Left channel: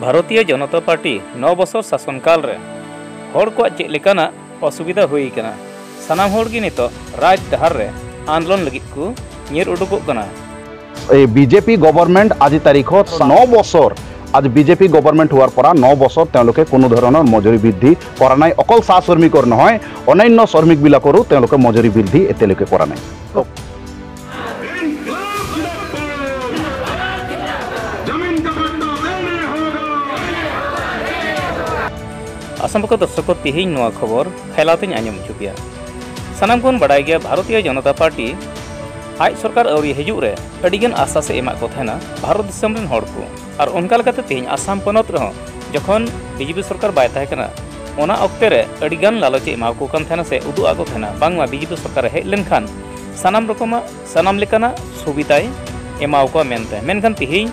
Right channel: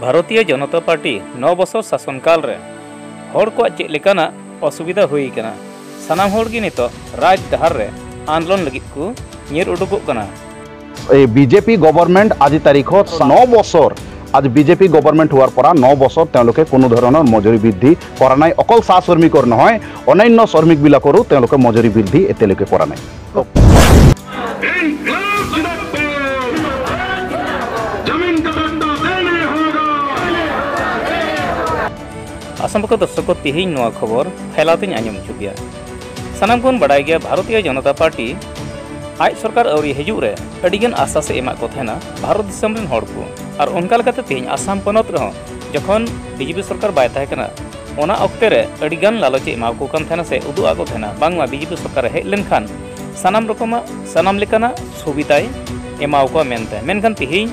Bharatiya Janata party 9 बছर शासनकाल रे हर को चेक लेकाना असुविधा हुई कना सानाम हर गे नितो राज डहार रे आंदोलन लगित को निर उडुकोग कना बीजेपी गवर्नमेंट आज तारीख 9 बছর आज बीजेपी गवर्नमेंट हुआर परा 9 বছর তেওঁলোকে কোনো ধৰণৰ মজুৰি বৃদ্ধি কৰা নাই অকল চাহ শ্ৰমিকৰ নহয় অন্যান্য শ্ৰমিক বিলাকৰো তেওঁলোকে মজুৰি বৃদ্ধি এতিয়ালৈকে কৰা নাই आसाम को दर्शक तिहिं नवा खबर फैलाते आंजम चुकिया सानाम कोन बड़ाई गया भारतीय जनता पार्टी आज सरकार अवरी हजू रे अडिगन आशा से एमा को थेना भारत दिसम रेन हड़ को और उनका लगाते तिहिं आसाम पनत रह जखन बीजेपी सरकार बाय ताहे कना ओना अक्ते रे अडिगन लालचे एमा को कन थेना से उदु आगो थेना बांगमा बीजेपी सरकार हेज लेनखान सानाम रकमा सानाम लेकाना सुविधाय एमा को मेनते मेनखान तिहिं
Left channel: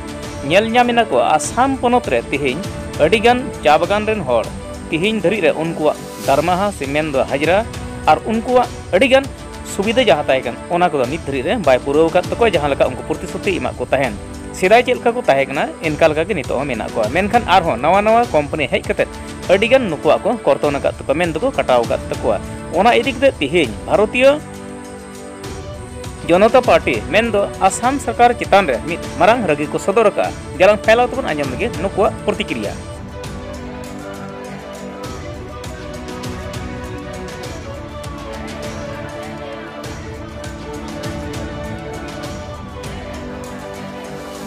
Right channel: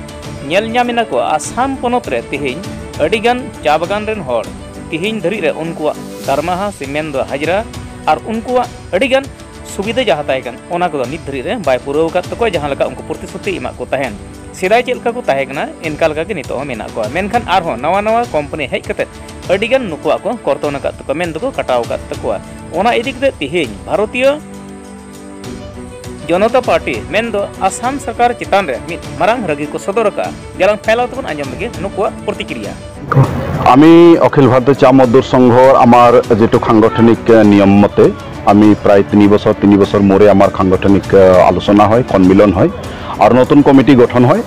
नेल ᱧᱟᱢᱮᱱᱟ को आसाम पनत रे तिहिं अडिगन चा बागान रेन हड़ तिहिं धरी रे उनकुआ दरमाहा सीमेंट दो हाजरा और उनकुआ अडिगन सुविधा जहाँ ताहेकन ओना को नित धरी रे बाय पुराव का तको जहाँ लका उनको प्रतिश्रुति एमा को ताहेन सेदाय चेलका को ताहेकना इनका लका के नितो मेना को मेनखान आरहो नवा नवा कंपनी हेज कते अडिगन नुकुआ को कर्तन का तको मेन दको कटाव का तको ओना इदी कते तिहिं भारतीय जनता पार्टी मेन दो आसाम सरकार चितान रे मित मारांग रगी को सदर का जलांग फैलाव तबन आंजम लगे नुकुआ प्रतिक्रिया আমি অখিল ভারতীয় চা মজদুর সংঘর আমার যেটো সাংগঠনিক নিয়ম মতে আমি প্রায় 3 বছর মোরে আমার সাংগঠনিক আলোচনা হয় সম্মিলন হয় আর নতুন কমিটি গঠন হয়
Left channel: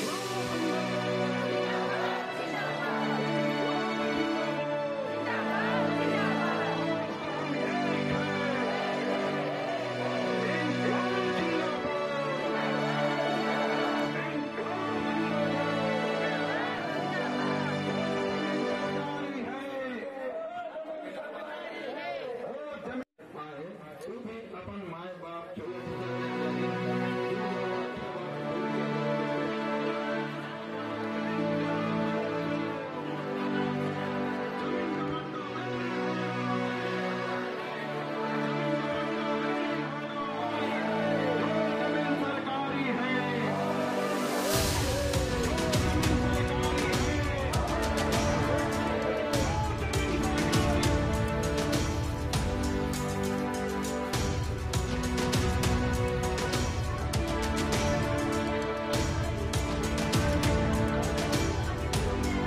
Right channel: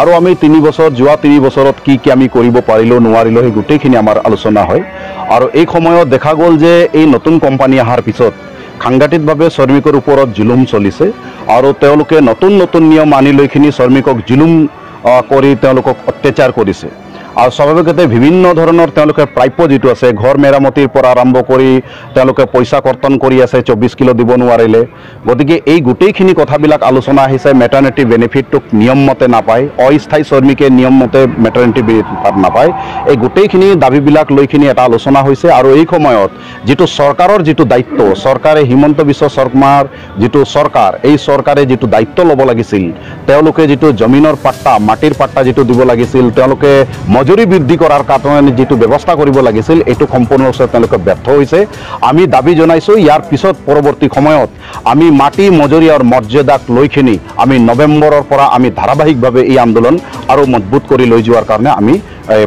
আর আমি 3 বছর যোৱা 3 বছৰত কি কি আমি কৰিব পাৰিলো নোৱাৰিলো সেই গুটেখিনি আমাৰ আলোচনা হয় আৰ এই সময়ত দেখা গল যে এই নতুন কোম্পানী আহাৰ পিছত সাংঘাতিকভাৱে শ্ৰমিকৰ ওপৰত জুলুম চলিছে আৰু তেওঁলোকে নতুন নতুন নিয়ম আনি লৈখিনি শ্ৰমিকক জুলুম কৰি তেওঁলোকক অত্যাচাৰ কৰিছে और स्वाभाविकते विभिन्न धৰণৰ তেওঁলোকে প্ৰাপ্য যেটো আছে ঘৰ মেৰামতিৰ পৰা আৰম্ভ কৰি তেওঁলোকে পইচা কৰ্তন কৰি আছে 24 কিলো দিব নোৱাৰিলে গতিকে এই গুটেইখিনি কথাবিলাক আলোচনা আহিছে মেটাৰনিটি বেনিফিটক নিয়ম মতে নাপায় অস্থায়ী শ্ৰমিকে নিয়ম মতে মেটাৰনিটি বেনিফিট নাপায় এই গুটেইখিনি দাবীবিলাক লৈখিনি এটা আলোচনা হৈছে আৰু এই সময়ত যেটো চৰকাৰৰ যেটো দায়িত্ব চৰকাৰে হিমন্ত বিশ্ব শৰ্মাৰ যেটো চৰকাৰ এই চৰকাৰে যেটো দায়িত্ব ল'ব লাগিছিল তেওঁলোকে যেটো জমিনৰ পাট্টা মাটিৰ পাট্টা যেটো দিব লাগিছিল তেওঁলোকে মজুৰি বৃদ্ধি কৰাৰ কাৰণে যেটো ব্যৱস্থা কৰিব লাগিছিল এটো সম্পূৰ্ণৰূপে তেওঁলোকে ব্যৰ্থ হৈছে আমি দাবী জনাইছো ইয়াৰ পিছত পৰৱৰ্তী সময়ত আমি মাটি মজুৰি আৰু মৰ্যাদাক লৈখিনি আমি নৱেম্বৰৰ পৰা আমি ধাৰাবাহিকভাৱে এই আন্দোলন আৰু মজবুত কৰি লৈ যোৱাৰ কাৰণে আমি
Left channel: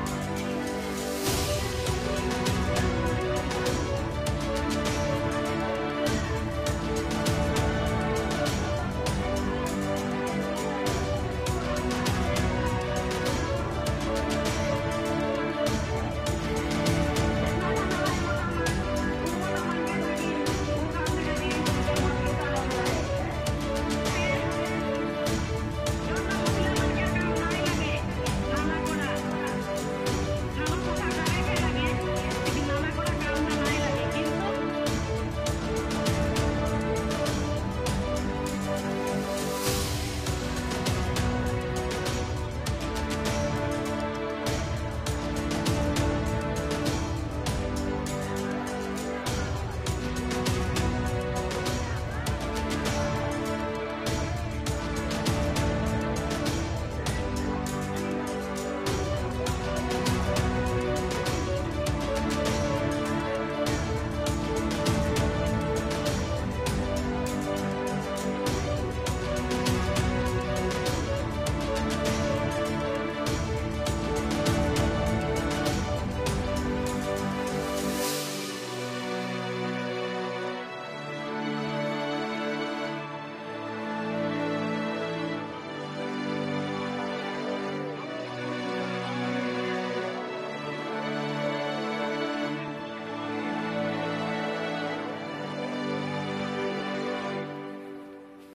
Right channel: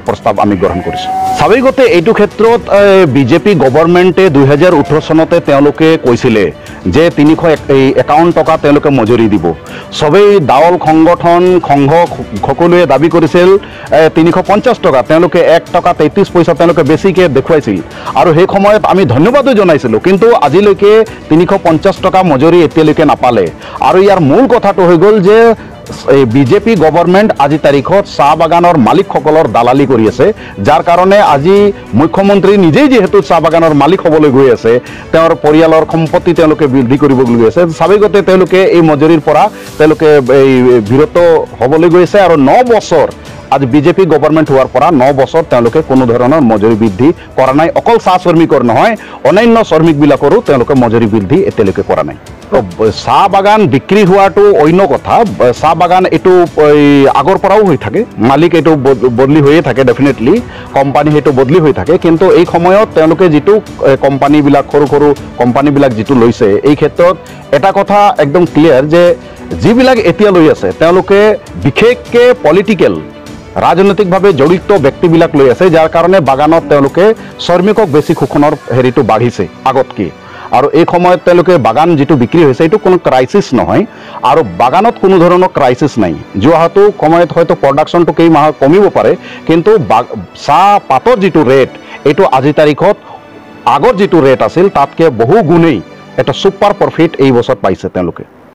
প্ৰস্তাৱ আমি গ্ৰহণ কৰিছো স্বাভাৱিকতে এইটো ক্ষেত্ৰত বিজেপি গৱৰ্ণমেণ্টে 2018 চনতে তেওঁলোকে কৈছিলে যে 351 টকা তেওঁলোকে মজুৰি দিব সবেই দাওল সংগঠন সংঘ সকলোৱে দাবী কৰিছিল 350 টকা তেওঁলোকে 1 টকা 33 পইচা তেওঁলোকে বেছিকে দেখুৱাইছিল আৰু সেই সময়ত আমি ধন্যবাদো জনাইছিলো কিন্তু আজিলৈকে 350 টকা মজুৰি এতিয়ালৈকে নাপালে আৰু ইয়াৰ মূল কথাটো হৈ গল যে বিজেপি গৱৰ্ণমেণ্ট আজি তাৰিখত চাহ বাগানৰ মালিকসকলৰ দালালি কৰি আছে যাৰ কাৰণে আজি মুখ্যমন্ত্ৰী নিজেই যেহেতু চাহ বাগানৰ মালিক হ'বলৈ গৈ আছে তেওঁৰ পৰিয়ালৰ সম্পত্তি তেওঁলোকে বৃদ্ধি কৰিব গৈ আছে স্বাভাৱিকতে তেওঁলোকে এই মজুৰিৰ পৰা তেওঁলোকে বিৰত হ'বলৈ গৈ আছে আৰু 9 বছৰ आज बीजेपी गवर्नमेंट हुआर परा 9 বছৰ তেওঁলোকে কোনো ধৰণৰ মজুৰি বৃদ্ধি কৰা নাই অকল চাহ শ্ৰমিকৰ নহয় অন্যান্য শ্ৰমিক বিলাকৰো তেওঁলোকে মজুৰি বৃদ্ধি এতিয়ালৈকে কৰা নাই চাহ বাগান বিক্ৰী হোৱাটো অন্য কথা চাহ বাগান এটো আগৰ পৰাও হৈ থাকে মালিক এটো বদলি হৈয়ে থাকে ডেফিনেটলি কোম্পানী হেটো বদলি হৈ থাকে কিন্তু এই সময়ত তেওঁলোকে যেটো কোম্পানী বিলাক সৰু সৰু কোম্পানী বিলাক যেটো লৈছে এই ক্ষেত্ৰত এটা কথা একদম ক্লিয়াৰ যে যিবিলাক এতিয়া লৈ আছে তেওঁলোকে বিশেষকে পলিটিক্যাল राजनैतिकভাৱে জড়িত ব্যক্তিবিলাক লৈ আছে যাৰ কাৰণে বাগানত তেওঁলোকে শ্ৰমিকক বেছি শোষণৰ হেৰিটো বাঢ়িছে আগতকৈ আৰু এই সময়ত তেওঁলোকে বাগান যেটো বিক্ৰী হৈছে এটো কোনো ক্ৰাইসিস নহয় আৰু বাগানত কোনো ধৰণৰ ক্ৰাইসিস নাই যোৱাটো সময়ত হয়তো প্ৰডাকশনটো কেই মাহ কমিব পাৰে কিন্তু চাহ পাতৰ যেটো ৰেট এটো আজি তাৰিখত আগৰ যেটো ৰেট আছিল তাতকে বহু গুণেই এটা সুপাৰ প্ৰফিট এই বছৰ পাইছে তেওঁলোকে